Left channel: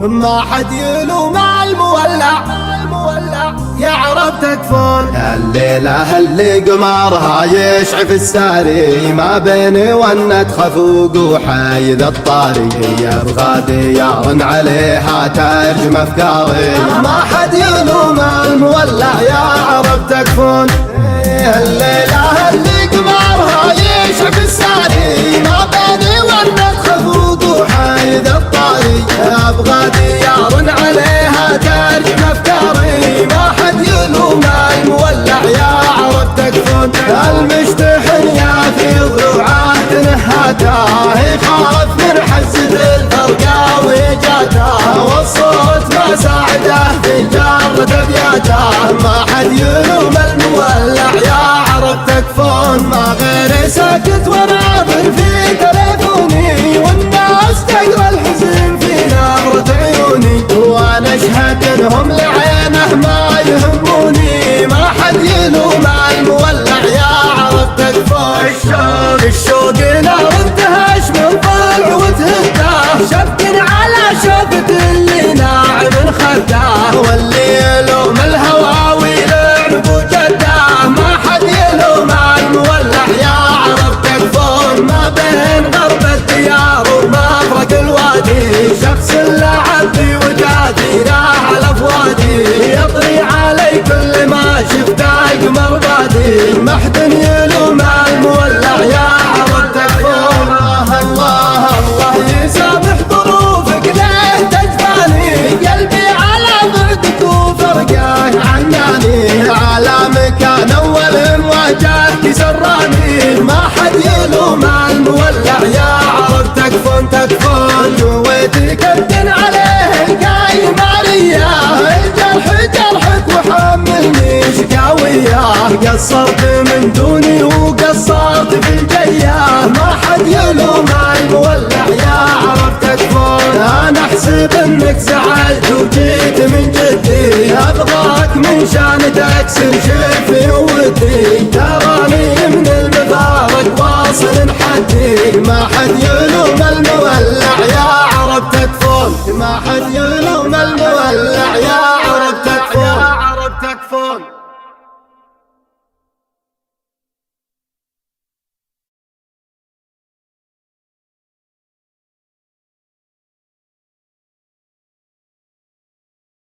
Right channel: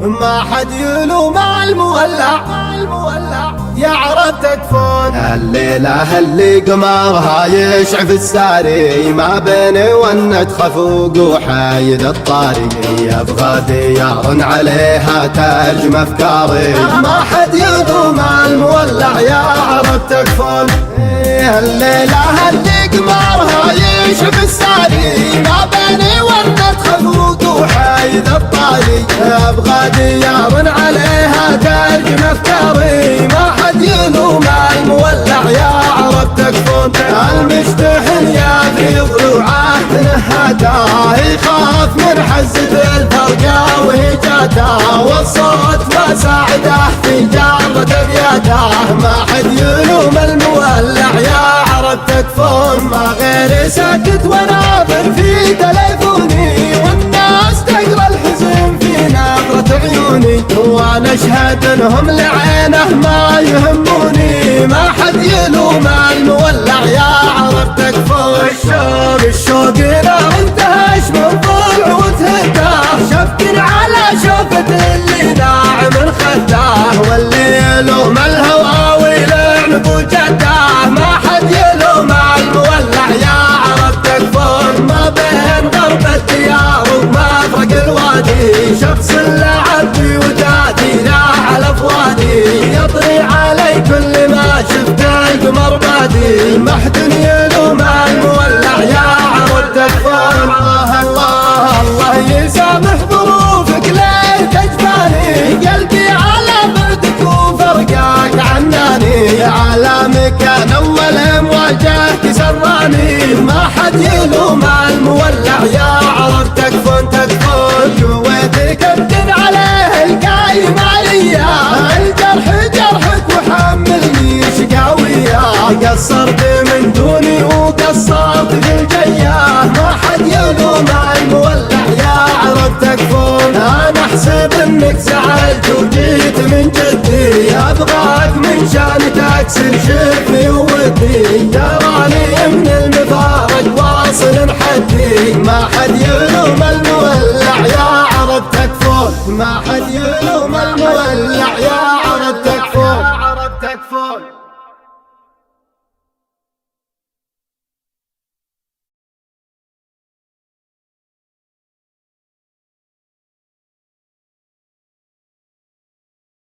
ما حد يلوم المولع يا عرب تكفون. الليلة اللي قمرها يشعف الساري ما بيني ونت خفوق وحايد الطاري يبغى ديار عليها ترجم افكاري. ما حد يلوم المولع يا عرب تكفون. الليلة اللي قمرها يشعف الساري ما بيني ونت خفوق وحايد الطاري يبغى ديار عليها ترجم افكاري. ما حد يلوم المولع يا عرب تكفون. المشتحن يا في ضلوعه نهاته يخاف من حزة الفرقة وجاته والصوت ما ساعده في جارة ابياته. ما حد يلوم المولع يا عرب تكفون. ما غيري ساكت وناظر في تليفوني والناس تقرا الحزن في نظرة عيوني وانا اشهد انهم لعينه ما يهموني. ما حد يلوم المولع يا عرب تكفون. الشوق نار انتهش من ضلع وتهداه شبك على شوفة اللي ناعم خداه واللي يلوم الهوى ويلعن بوجده. ما حد يلوم المولع يا عرب تكفون. ما بين غرب الديار ومفرق الوادي شخص لعب بي ودادي لا على فوادي يطري علي كل ما شفته القمر بادي. ما حد يلوم المولع يا عرب تكفون. الله الله يسامح ظروفك ليه تجفاني قلبي على بعدك وفرقك عناني على مكان اول مواجهك سراني. ما حد يلوم المولع يا عرب تكفون تكفون. جويتي كابتن عليه القايم عليا الجرح جرحك وحملني شقاوية. قصرت من دوني وقصرت في الجية. ما حد يلوم المولع يا عرب تكفون. انا احسب انك زعلت وجيت من جدي ابغاك من شان تكسر شفي ودي تراني من المفارق واصل حدي. ما حد يلوم المولع يا عرب تكفون. ما حد يلوم المولع يا عرب تكفون.